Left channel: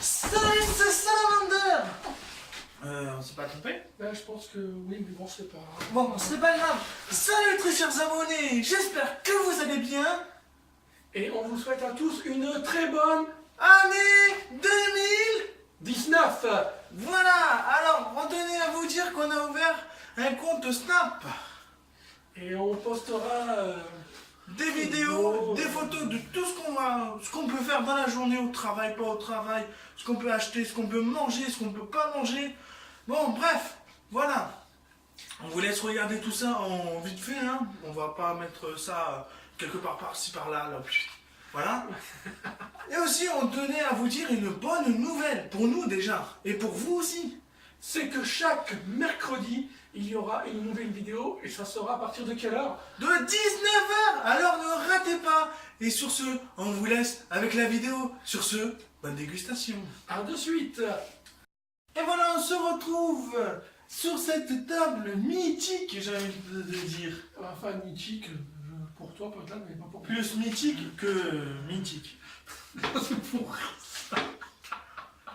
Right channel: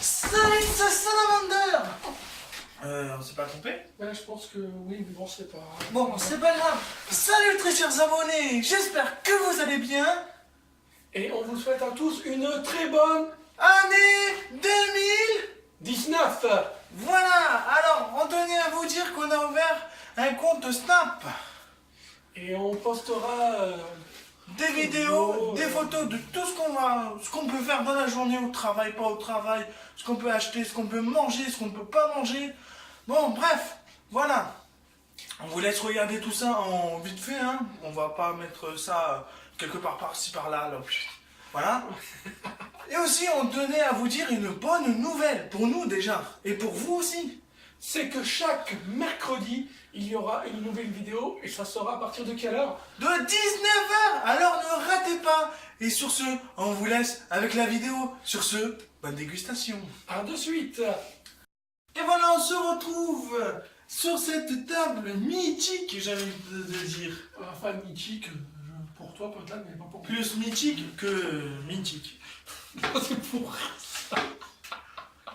Salut, c'est Salamander. On s'est pas trompé? Ben, je pense que oui, mais bon, c'est pas... Bon, c'est pas grave. Salut très chers abonnés, j'espère que vous allez bien. Et on vous souhaite à tous une très bonne... Année 19. Voilà, alors on tenait à vous dire qu'on a ouvert un compte Snap. Et on postera... Des vidéos, des photos de tout ce qu'on peut faire dans la journée, au travail, pas au travail, ce qu'on peut acheter, ce qu'on peut manger, ce qu'on peut pas manger. Bon, bref, voilà. On vous laisse regarder tout ça en vite fait, hein. On va pas mettre ça quelque part par-ci par-là, là. Voilà. Et aussi, on tenait à vous dire une bonne nouvelle, pour nous déjà, et pour vous aussi. C'est que chaque mercredi, il y aura une nouvelle vidéo, et ça sera à partir de quelle heure? De 19h. Alors ne ratez pas. Et sur ce, on vous laisse avec la vidéo. Sur ce, bonne dégustation. À de suite. Et voilà, on se retrouve sur cette table mythique, j'ai envie de dire. Enfin, mythique, pour toi peut-être, mais pas pour moi. Plus mythique que mythique. C'est pour ça.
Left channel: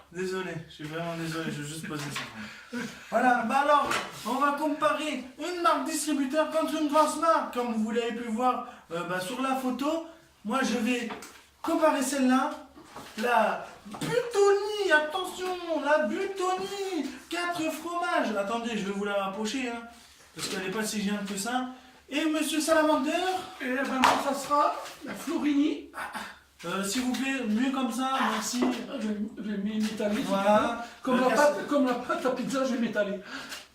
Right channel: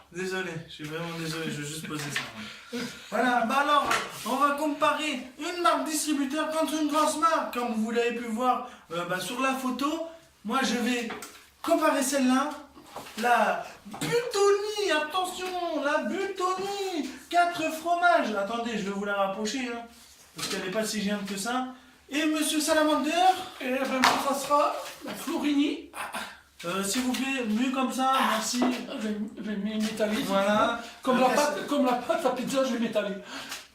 Désolé, je suis vraiment désolé, je vais juste poser ça. Voilà, bah alors, on va comparer une marque distributeur contre une grosse marque. Comme vous l'avez pu voir sur la photo, moi je vais comparer celle-là. La Buitoni, attention, la Buitoni, 4 fromages. Attendez, je vais vous la rapprocher, hein, parce qu'elle n'est pas si géante que ça. Et Monsieur Salamander. Et ben moi, ça sera la Florini. S'il vous plaît, mieux comme ça, merci. Je vais m'étaler. Voilà. Comme la pâte à pizza, je vais m'étaler.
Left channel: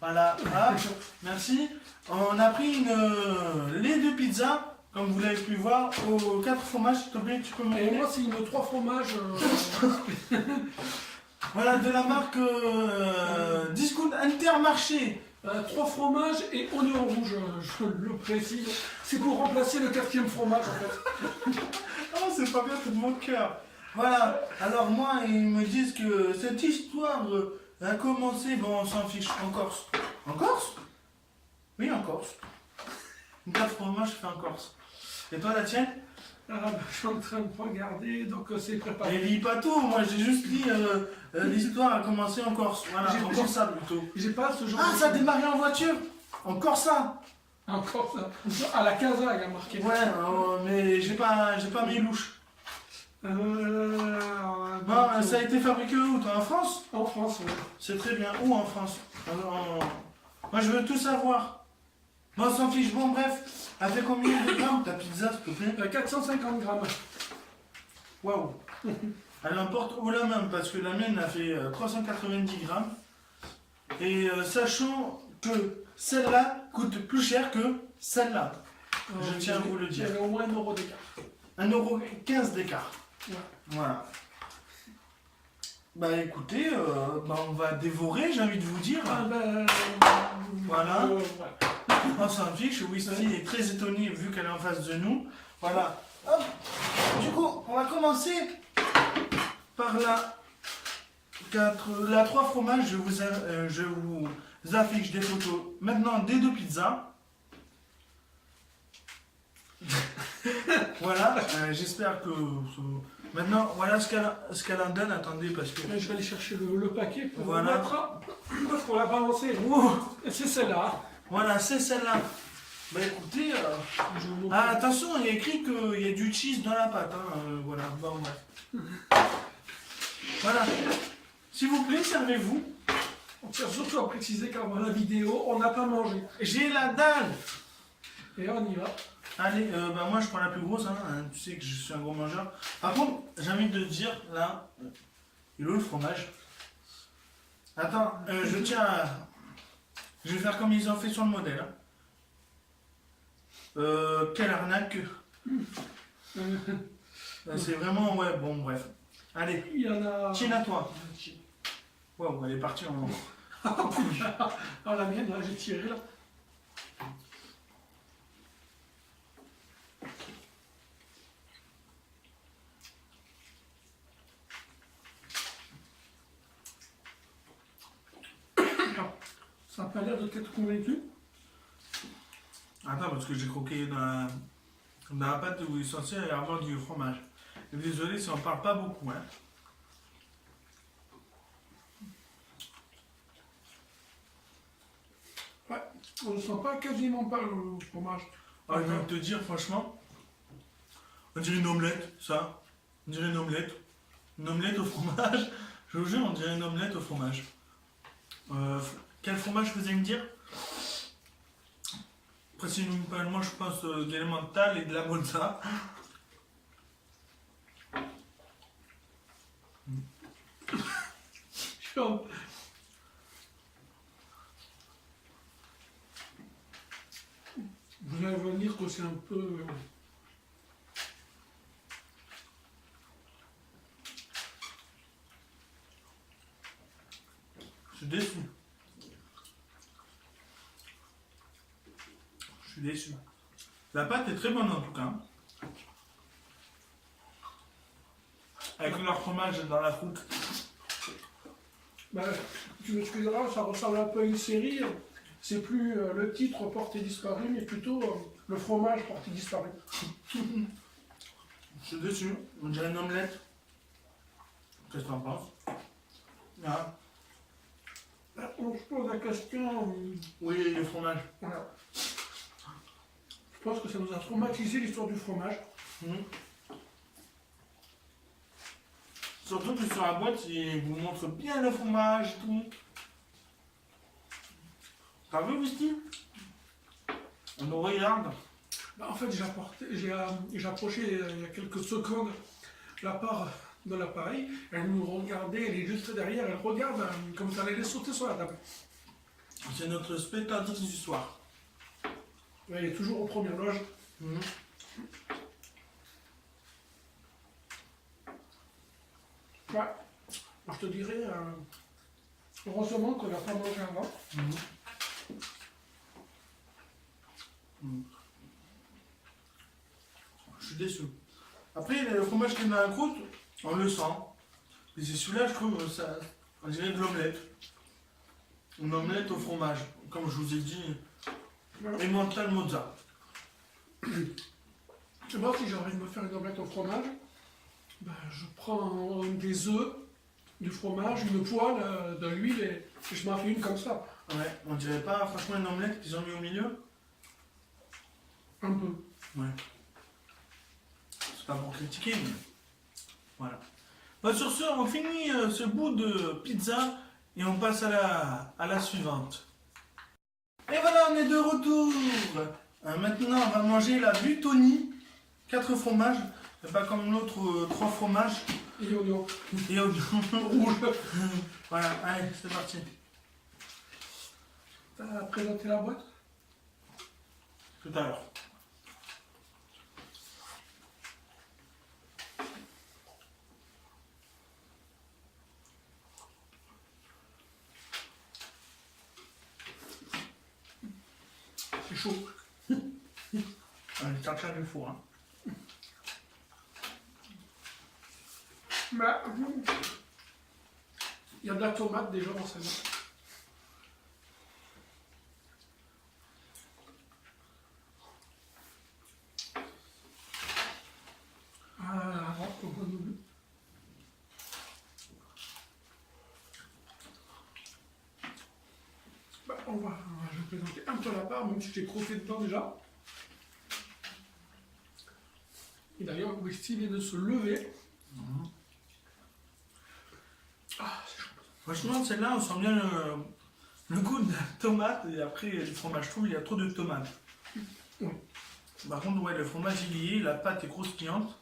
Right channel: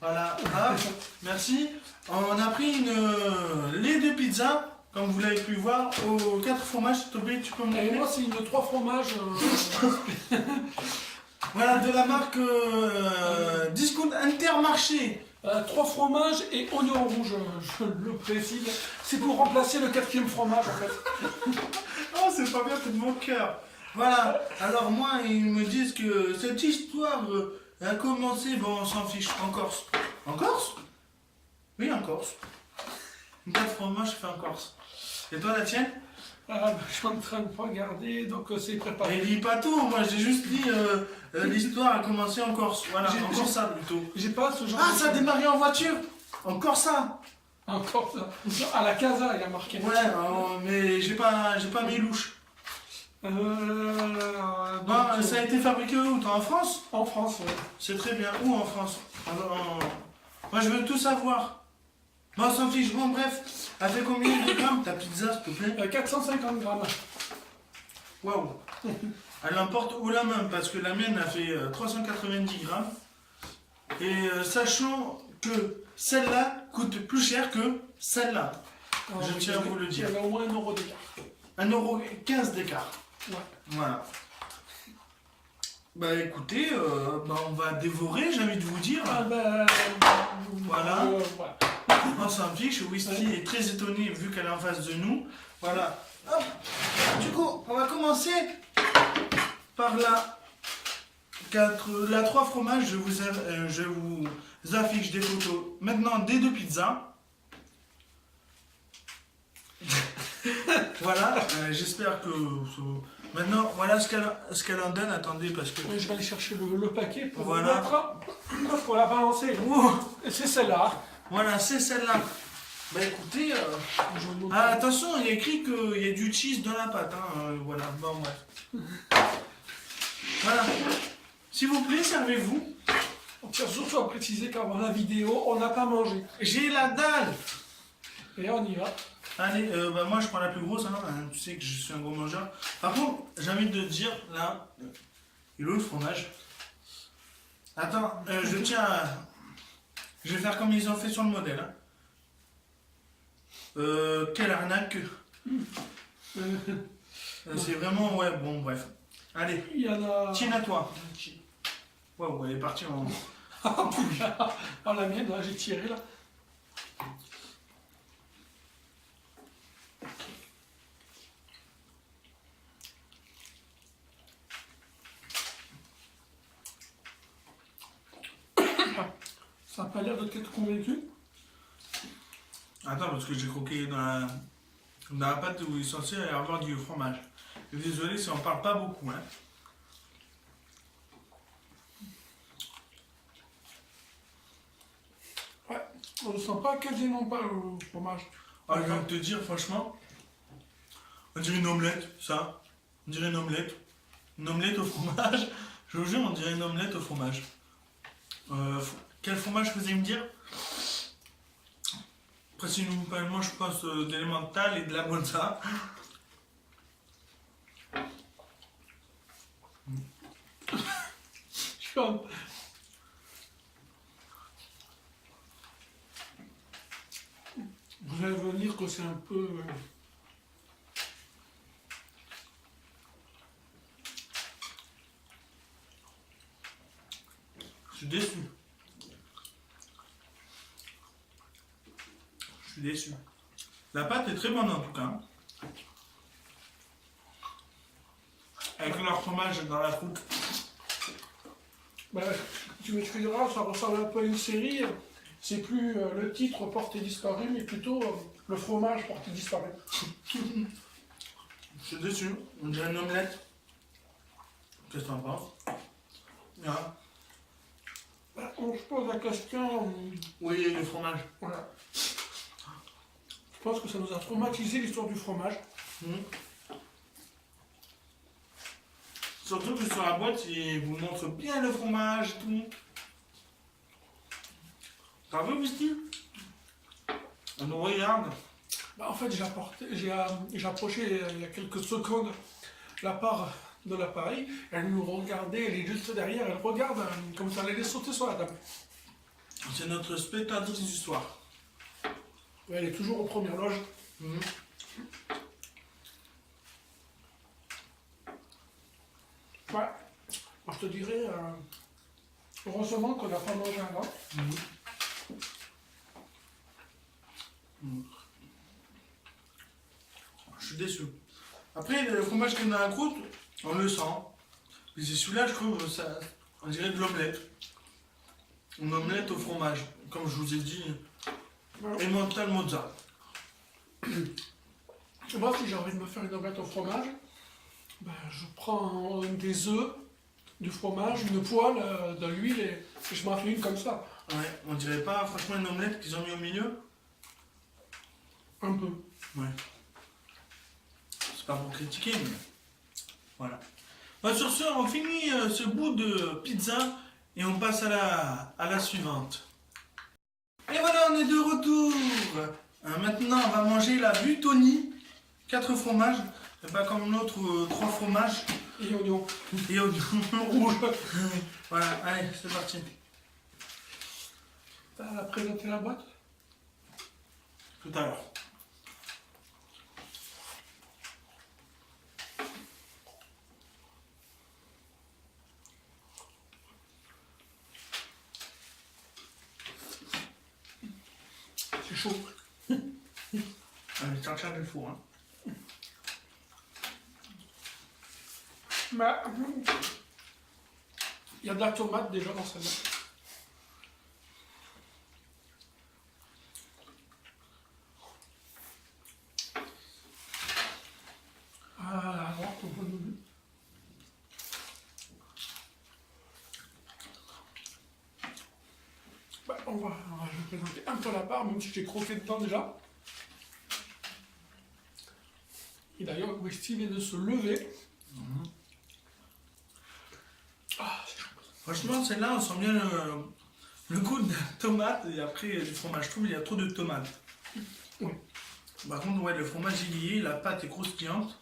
Voilà, hop, merci. On a pris les 2 pizzas, comme vous l'avez pu voir, aux 4 fromages. S'il te plaît, tu peux me Et montrer. moi, c'est une 3 fromages. Voilà, de la marque Discount Intermarché. 3 fromages et oignon rouge, je le précise. C'est pour remplacer le 4e fromage, en fait. Oh, c'est pas bien, c'est de mon cœur. Voilà, alors moi, ils me disent que cette histoire a commencé, bon, on s'en fiche, en Corse. En Corse? Oui, en Corse. Une 4 fromages fait en Corse. Et toi, la tienne? Je suis en train de regarder, donc c'est préparé. Mais lis pas tout, moi j'ai juste dit l'histoire a commencé en Corse. Voilà, en Corsa plutôt. J'ai pas ce genre Ah, de... ça a démarré en voiture? En Corsa? Encore ça. À la Casa, il y a marqué. Ouais, mais j'ai pas mis louche. Bon, ça a été fabriqué où, toi, en France? En France, oui. C'est très bien. Où en France? Moi je veux tout savoir. Bon, on s'en fiche. Bon, bref. Elle fait combien de grammes ta pizza, s'il te plaît? 450 grammes. Waouh. Elle emporte haut la main parce que la mienne a fait 390 grammes. Et sachant que celle-là coûte plus cher que celle-là. Je tiens à vous le dire. Il y avait au moins 1 euro d'écart. 1,15 € d'écart. Ouais. Voilà. Bah écoutez, on va dévorer, j'ai envie de vous dire. Ah ben... Voilà. Voilà. On s'en fiche, Whisky est très étonné vu qu'elle est en face de nous. Voilà. Hop. Du coup, on va commencer par la 3 fromages. Je vous affiche des photos maintenant des 2 pizzas. Voilà, j'espère que... Maintenant, voilà ce qu'elle en donne. Attendez, parce que... Je vais aller chercher le paquet pour Voilà. mettre, pour la balancer. Ouh. C'est celle-là. Voilà, c'est celle-là. Bah écoutez... attention, il y a écrit qu'il y a du cheese dans la pâte. Hein, voilà, bon bref. Voilà. S'il vous plaît, servez-vous. On tient surtout à préciser qu'avant la vidéo, on n'a pas mangé. J'ai la dalle. Et on y va. Allez, moi je prends la plus grosse, hein, tu sais que je suis un gros mangeur. Par contre, j'ai envie de te dire, là, il est où le fromage? Attends, je tiens à... Je vais faire comme ils ont fait sur le modèle. Hein. Quelle arnaque. C'est vraiment, ouais, bon, bref. Allez, Il y en a... tiens à toi. Waouh, elle est partie en... Ah, la mienne, là, j'ai tiré, là. Ça n'a pas l'air de t'être convaincu. Attends, parce que j'ai croqué dans la pâte où il est censé y avoir du fromage. Et désolé si on parle pas beaucoup. Hein. On ne sent pas quasiment pas le fromage. Ah, je viens de te dire, franchement, on dirait une omelette, ça. On dirait une omelette. Une omelette au fromage. Je vous jure, on dirait une omelette au fromage. Quel fromage vous allez me dire? Principalement, je pense d'Elemental et de la Monza. Vous allez me dire que c'est un peu... Je suis déçu. Je suis déçu. La pâte est très bonne en tout cas. Avec leur fromage dans la croûte. Ben, tu m'excuseras, ça ressemble un peu à une série. C'est plus le titre porté disparu, mais plutôt le fromage porté disparu. Je suis déçu. On dirait une omelette. Qu'est-ce que t'en penses? Ah. On se pose la question... Oui, le fromage. Voilà. Je pense que ça nous a traumatisé l'histoire du fromage. Surtout que sur la boîte, il vous montre bien le fromage et tout. T'as vu, Misty? On nous regarde. Bah, en fait, j'ai approché il y a quelques secondes la part de l'appareil. Elle nous regardait, elle est juste derrière, elle regarde comme ça, elle allait sauter sur la table. C'est notre spectatrice du soir. Ouais, elle est toujours aux premières loges. Ouais, moi, je te dirais, heureusement qu'on n'a pas mangé avant. Je suis déçu. Après, le fromage qui est dans la croûte, on le sent. Mais c'est celui-là, je trouve, ça, on dirait de l'omelette. Une omelette au fromage. Comme je vous ai dit, Emmental Mozza. Tu vois, si j'ai envie de me faire une omelette au fromage, ben, je prends des œufs, du fromage, une poêle, de l'huile et je m'en fais une comme ça. Ouais, on dirait pas franchement une omelette qu'ils ont mis au milieu? Un peu. Ouais. C'est pas pour critiquer, mais voilà. Bah, sur ce, on finit ce bout de pizza et on passe à la suivante. Et voilà, on est de retour. Maintenant, on va manger la Buitoni. 4 fromages, et pas comme l'autre 3 fromages. Et oignons. Et oignons rouges. Voilà, allez, c'est parti. T'as présenté la boîte? Tout à l'heure. C'est chaud. Allez, chercher le four. Hein. Mais il y a de la tomate déjà dans celle-là. Ah, alors, on voit nous. Bah, on va je vais présenter un peu la part, même si j'ai croqué dedans déjà. Et d'ailleurs, Westy vient de se lever. Ah, c'est chaud. Franchement, celle-là, on sent bien le goût de la tomate et après du fromage. Je trouve qu'il y a trop de tomates. Oui. Par contre, ouais, le fromage est lié, la pâte est croustillante.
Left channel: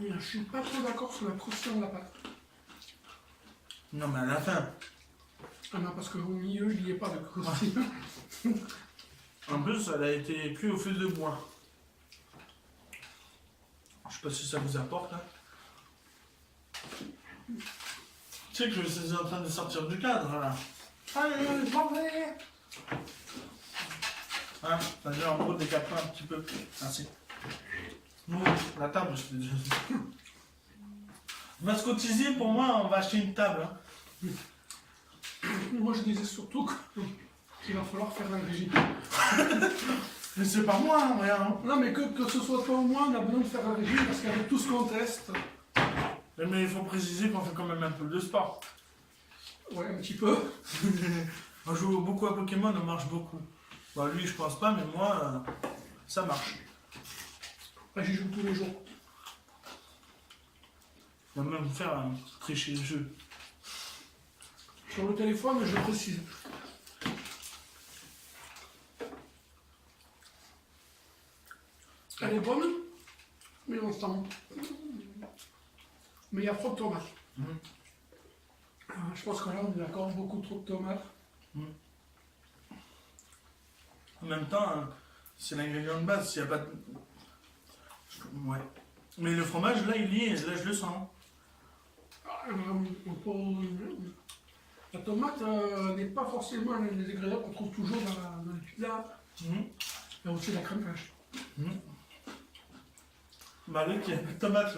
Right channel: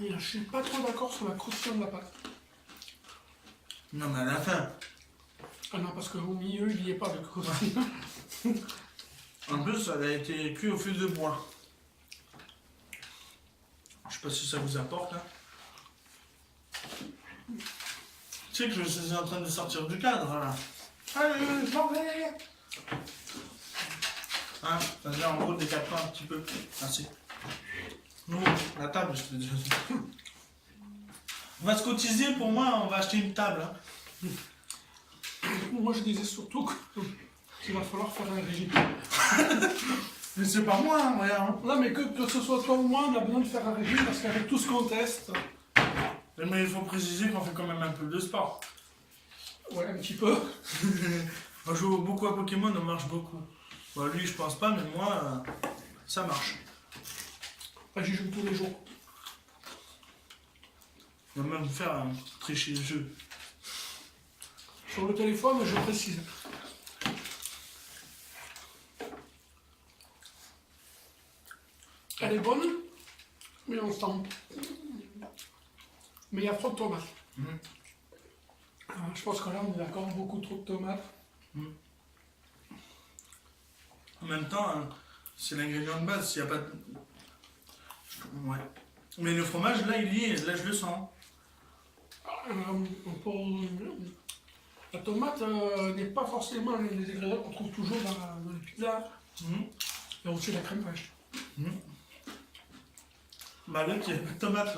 Et je suis pas trop d'accord sur la croustillance de la pâte. Non, mais à la fin. Ah non, parce qu'au milieu, il n'y est pas de croustillant. En plus, elle a été cuite au feu de bois. Je sais pas si ça vous apporte. Hein. Tu sais que je suis en train de sortir du cadre là. Allez, je m'en vais. Hein, c'est-à-dire en gros décale-toi un petit peu. Merci. Nous, la table, je te dis. On va se cotiser, pour moi, on va acheter une table. Hein. Moi, je disais surtout qu'il va falloir faire un régime. Mais c'est pas moi, hein, regarde. Hein. Non, mais que ce soit toi ou moi, on a besoin de faire un régime parce qu'avec tout ce qu'on teste. Mais il faut préciser qu'on fait quand même un peu de sport. Ouais, un petit peu. On joue beaucoup à Pokémon, on marche beaucoup. Bon, lui, je pense pas, mais moi, ça marche. Après, j'y joue tous les jours. On va même faire un tricher le jeu. Sur le téléphone, je précise. Elle est bonne, mais on sent. Mais il y a trop de tomates. Mhm. Je pense que là, on est d'accord, beaucoup trop de tomates. En même temps, hein, c'est l'ingrédient de base. S'il n'y a pas de... Ouais. Mais le fromage, là, il y est. Là, je le sens. La tomate n'est pas forcément les ingrédients qu'on trouve toujours dans les pizzas. Mhm. Il y a aussi la crème fraîche. Mhm. Bah, l'autre, il n'y a pas de tomate.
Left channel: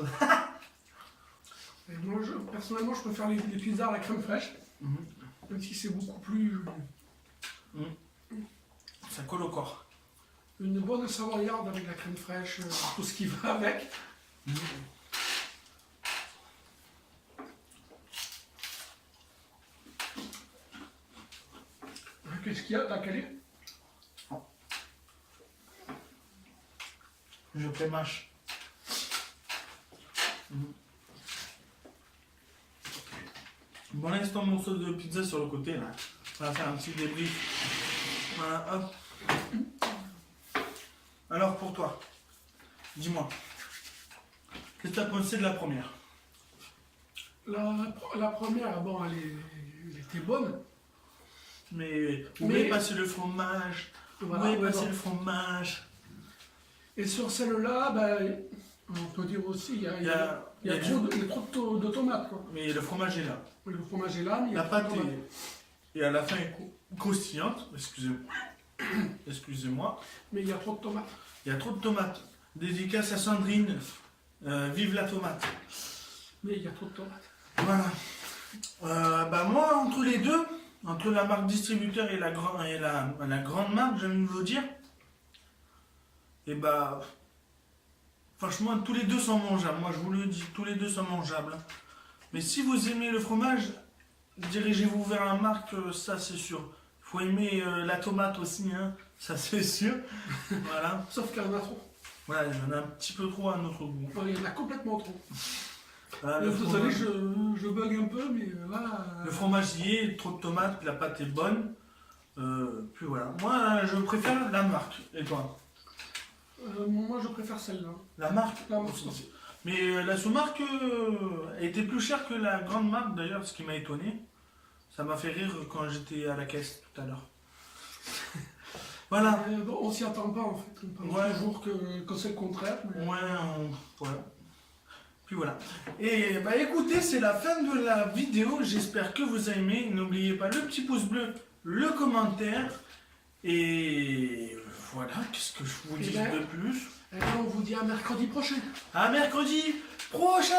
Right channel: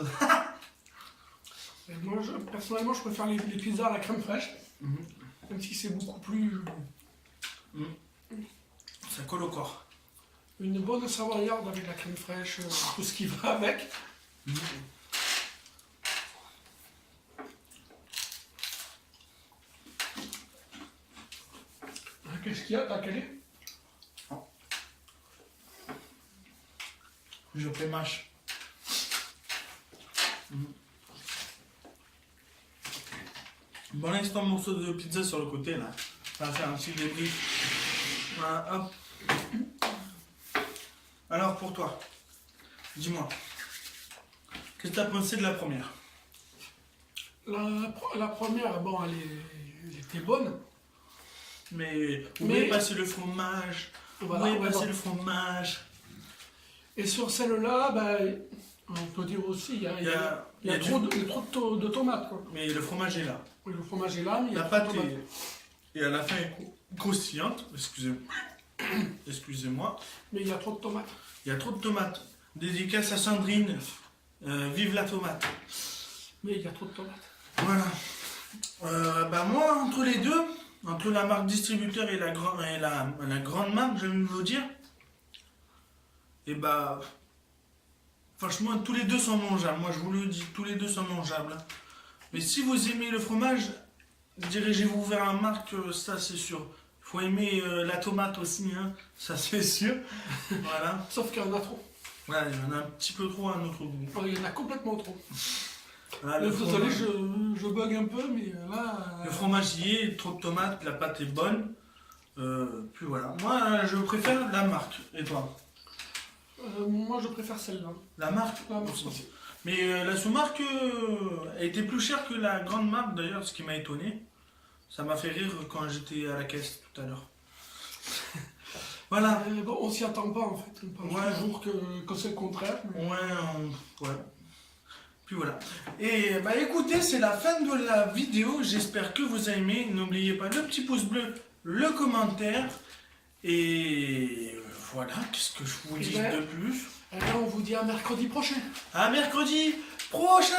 Et moi, personnellement, je préfère les pizzas à la crème fraîche, Mhm. même si c'est beaucoup plus. Ça colle au corps. Une bonne savoyarde avec la crème fraîche, tout ce qui va avec. Mhm. Qu'est-ce qu'il y a? T'as calé? Je prémâche. Bon, l'instant morceau de pizza sur le côté, là. On va faire un petit débrief. Voilà, hop. Alors, pour toi, dis-moi. Qu'est-ce que tu as pensé de la première? La première, bon, elle était bonne. Mais où est passé le fromage? Voilà, Où est ouais, passé bon. le fromage? Et sur celle-là, ben, on peut dire aussi, il y a, Il y a trop de tomates, quoi. Mais le fromage est là. Oui, le fromage est là, mais il y a La trop de pâte tomates. est... Et à la fin, est croustillante. Excusez-moi. Excusez-moi. Mais il y a trop de tomates. Il y a trop de tomates. Dédicace à Sandrine. Vive la tomate. Mais il y a trop de tomates. Voilà. Bah moi, entre les deux, entre la marque distributeur et la grande marque, j'aime vous dire, et bah, franchement, tous les deux sont mangeables. Moi, je vous le dis, tous les deux sont mangeables. Mais si vous aimez le fromage, dirigez-vous vers la marque, ça c'est sûr. Il faut aimer la tomate aussi, hein, ça c'est sûr. Voilà. Sauf qu'il y en a trop. Voilà, il y en a un petit peu trop à notre goût. Il y en a complètement trop. Voilà, Vous savez, je bug un peu, mais là. Le fromage y est, trop de tomates, la pâte est bonne. Puis voilà. Moi, je préfère la marque. Et toi? Moi, je préfère celle-là. La marque La marque aussi. Mais la sous-marque elle était plus chère que la grande marque d'ailleurs, ce qui m'a étonné. Ça m'a fait rire quand j'étais à la caisse tout à l'heure. Voilà. Bon, on s'y attend pas en fait. On pense Ouais. toujours que c'est le contraire. Mais... Ouais, ouais. Puis voilà. Et bah écoutez, c'est la fin de la vidéo. J'espère que vous avez aimé. N'oubliez pas le petit pouce bleu, le commentaire. Et voilà, qu'est-ce que je vous dis Ouais. de plus? Et là, on vous dit à mercredi prochain. À mercredi prochain!